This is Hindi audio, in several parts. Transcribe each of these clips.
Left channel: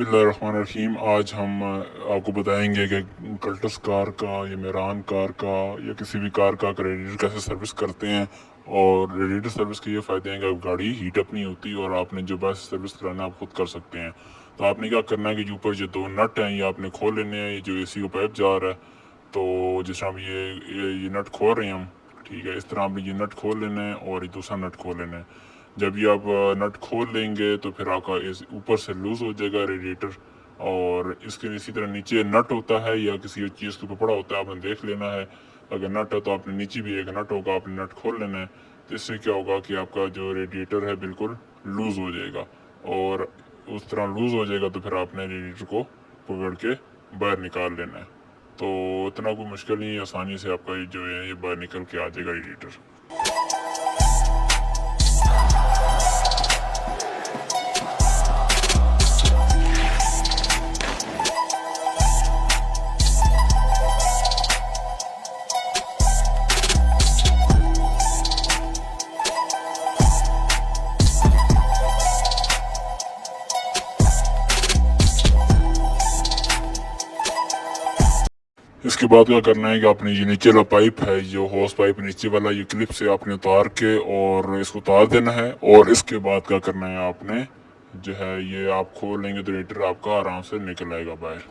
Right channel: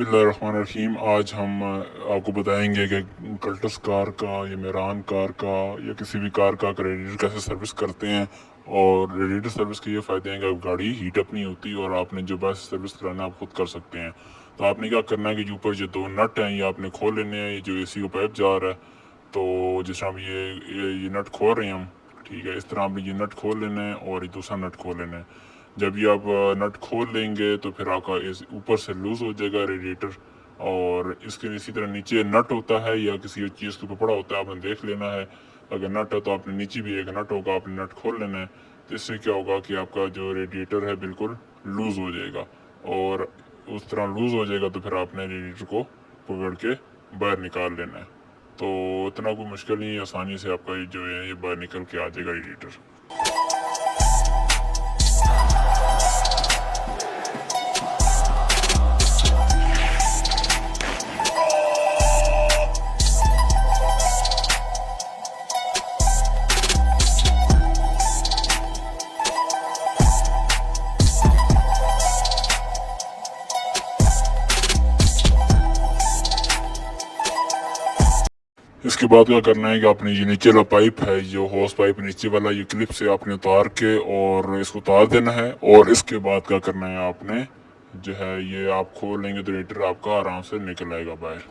बिस्मिल्लाहिर्रहमानिर्रहीम। आज हम आपको बताएंगे कि कल्टस कार का या मेरान कार का या किसी भी कार का रेडिएटर कैसे सर्विस करते हैं। और रेडिएटर सर्विस के ये फ़ायदे हैं कि गाड़ी हीट अप नहीं होती और आपने जो बस सर्विस कराना आप खुद कर सकते हैं। तो आपने क्या करना है कि ऊपर जो दो नट हैं ये आपने खोल लेने हैं। ये जो एसी का पाइप जा रहा है, तो जिस तरह ये नट खोल रहे हैं हम, ठीक है, इस तरह आपने ये नट खोल लेना है और ये दूसरा नट खोल लेना है। जब ये आप नट खोल लेंगे तो फिर आपका इस ऊपर से लूज़ हो जाएगा रेडिएटर। और इसके इसी तरह नीचे नट होता है या किसी चीज़ के ऊपर पड़ा होता है, आपने देख लेना है। अगर नट है तो आपने नीचे भी एक नट होगा, आपने नट खोल लेना है। तो इससे क्या होगा कि आपका जो रेडिएटर है बिल्कुल लूज़ हो जाएगा। और उस तरह लूज़ हो जाएगा तो फिर आपने रेडिएटर को पकड़ के बाहर निकाल लेना है। तो इतना कोई मुश्किल नहीं है, आसानी से आपका ये जो है ये बाहर निकल के आ जाएगा रेडिएटर। इसके बाद क्या करना है कि आपने ये नीचे वाला पाइप है, जो हॉस पाइप नीचे वाला, ये क्लिप से आपने उतार के और इसको उतार देना है। और इसके बाद क्या करना है, आपने जो है ये आप खोल लेंगे तो रेडिएटर आपका आराम से निकल आएगा बाहर।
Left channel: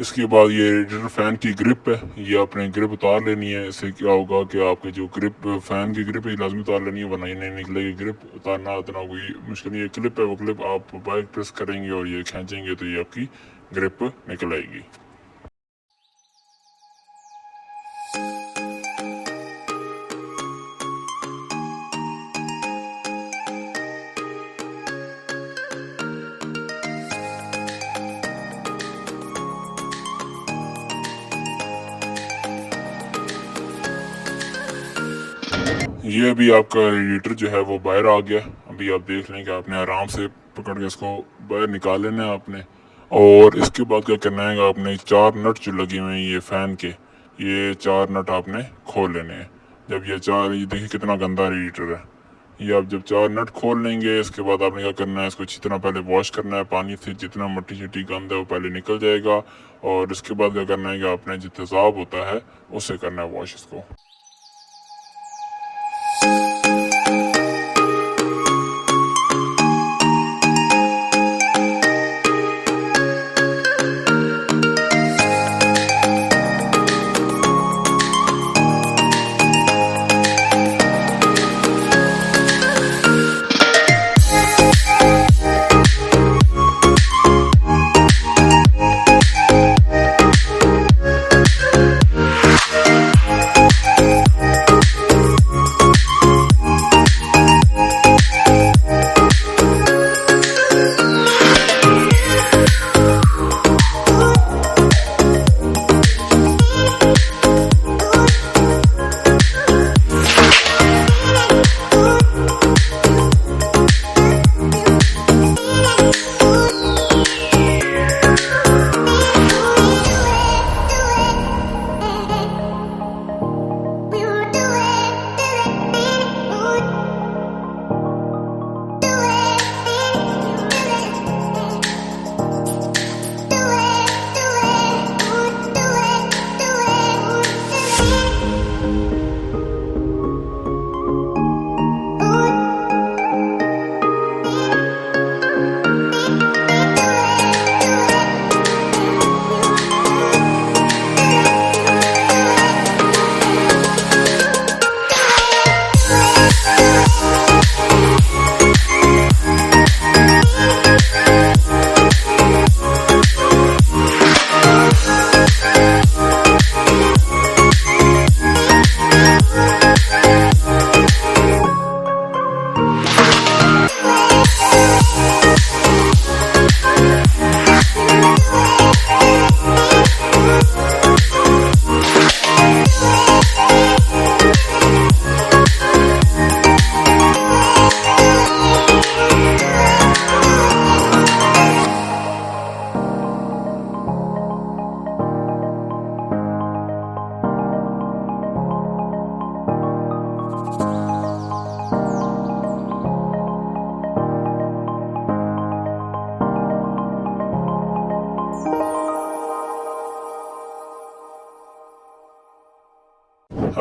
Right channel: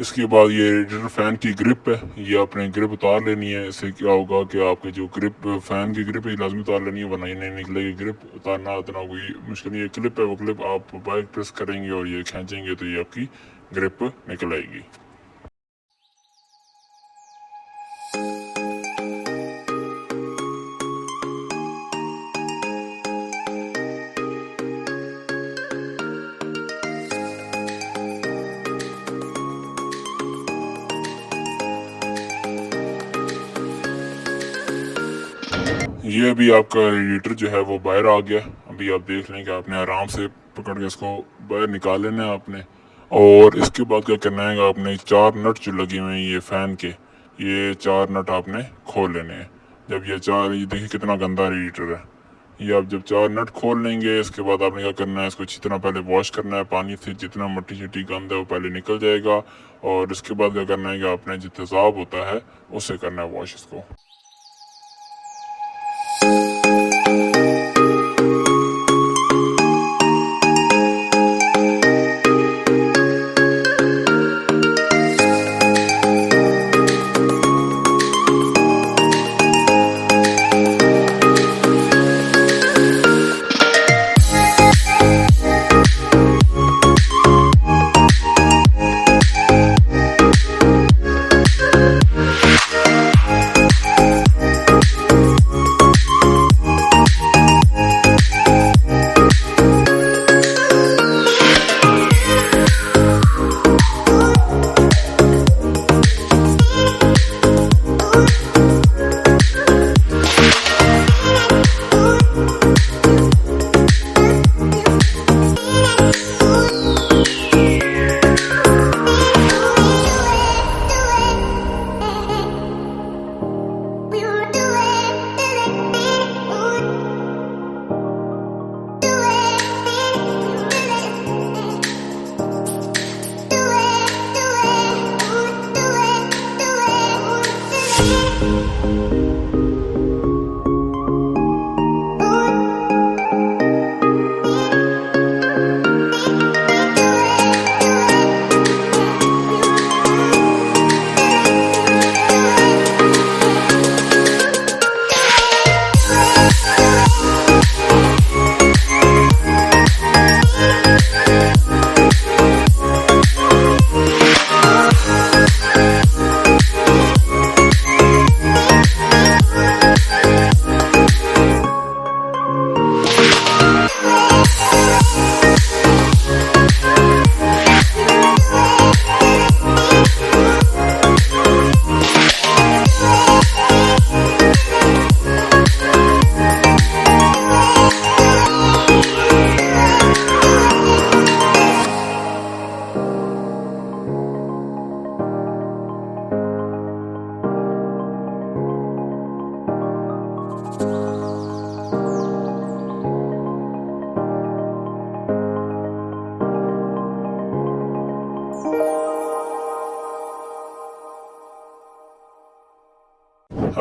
इसके बाद ये रेडिएटर फैन की ग्रिप है, ये आपने ग्रिप उतार लेनी है। इससे क्या होगा कि आपके जो ग्रिप फैन की ग्रिप है लाजमी उतार लेनी है, वरना ये नहीं निकलेगी। ग्रिप उतारना इतना कोई मुश्किल नहीं है। क्लिप है, वो क्लिप आप बाइक प्रेस करेंगे और ये खींचेंगे तो ये आपकी ग्रिप निकल आएगी। ये अभी आपका रेडिएटर जो है वो बाहर आ गया। अभी आप देख लें कि आपने आराम से पकड़ के इसको बाहर निकाल लेना है आपने। और इसके बाद क्या करना है, आपने चार नट जो लगे हुए हैं ये फैन के, ये चार नट आपने खोल लेने हैं। जब ये चार, ये देखिए कितना गंदा रेडिएटर है। ये आप जब चार नट खोल लेंगे, इसके बाद आपने क्या करना है, इसको अच्छी तरह पहले वॉश करना है पानी से। जितना मट्टी शट्टी गंद है वो पहले निकल जाएगा। और इसके बाद क्या करना है कि आपने जो तेज़ाब होता है उससे करना है वॉश इसको।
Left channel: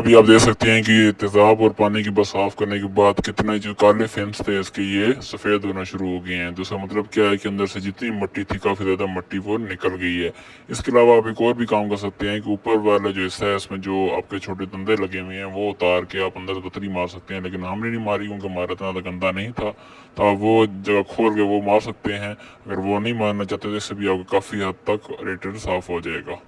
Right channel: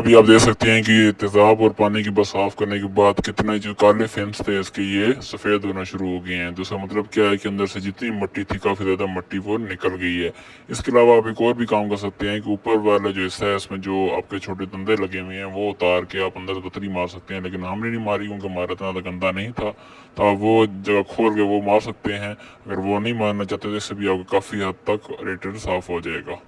अभी आप देख सकते हैं कि तेजाब और पानी की बस साफ करने के बाद कितने जो काले फिन्स थे इसके ये सफ़ेद होना शुरू हो गए हैं। दूसरा मतलब क्या है कि अंदर से जितनी मट्टी थी काफ़ी ज़्यादा मट्टी वो निकल गई है। इसके अलावा आप एक और भी काम कर सकते हैं कि ऊपर वाला जो हिस्सा है इसमें जो आपके छोटे धंधे लगे हुए हैं वो उतार के आप अंदर बतरी मार सकते हैं, लेकिन हमने नहीं मारी क्योंकि हमारा इतना गंदा नहीं था, तो आप वो जगह खोल के वो मार सकते हैं। अगर वो नहीं मारना चाहते तो इससे भी आपको काफ़ी हद तक रेडिएटर साफ हो जाएगा।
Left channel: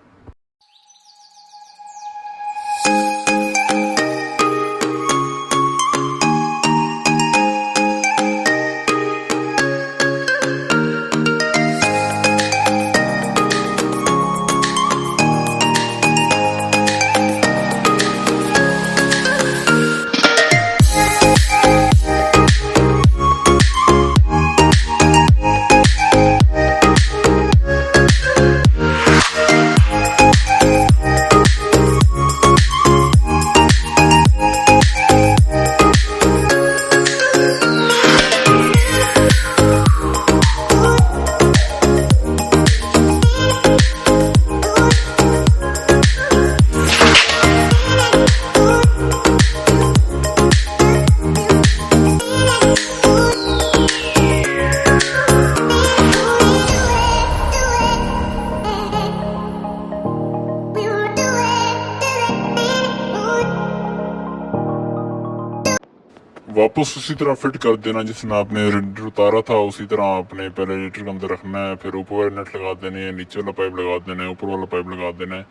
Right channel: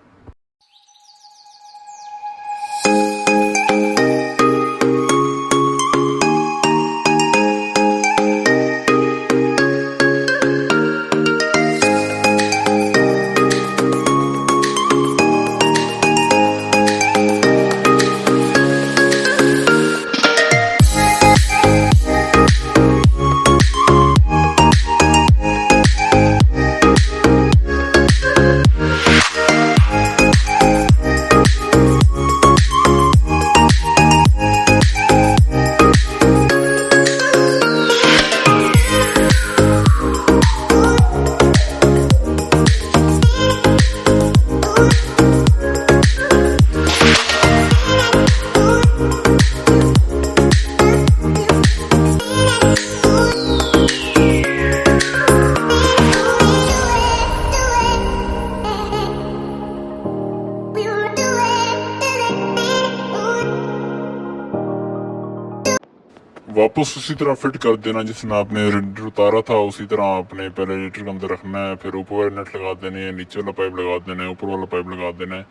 वापस उसी तरह फिट कर देना जिसने आपने रेडिएटर उतारा था, उसी तरह आपने पहले रेडिएटर के अंदर रखना है, फिर ऊपर वाले नट लगा देने हैं, नीचे वाला पाइप लगा देना है, ऊपर वाला पाइप लगा देना है।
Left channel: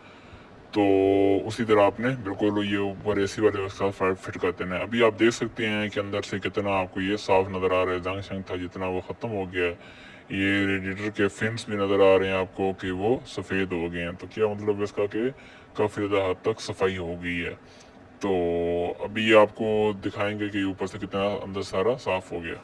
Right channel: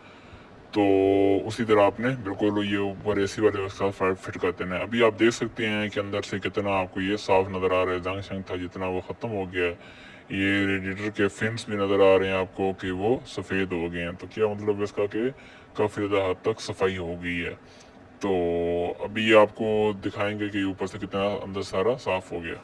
तो उसी तरह आपने बिल्कुल ये ऊपर एसी वाले के साथ फिट कर देना है। अभी आप देख सकते हैं कि अंदर से कितना आपको ये साफ नज़र आ रहा है, जंग शंग था जितना वो ख़त्म हो गया है। ये रेडिएटर के फिन्स भी नज़र आ रहे हैं आपको कि वो सफ़ेद हो गए हैं। तो क्या मतलब इसका कि काफ़ी ज़्यादा हद तक सफाई हो गई है। तो अभी आपको दिखाएंगे कि ऊपर से कितना अंदर सारा साफ हो गया।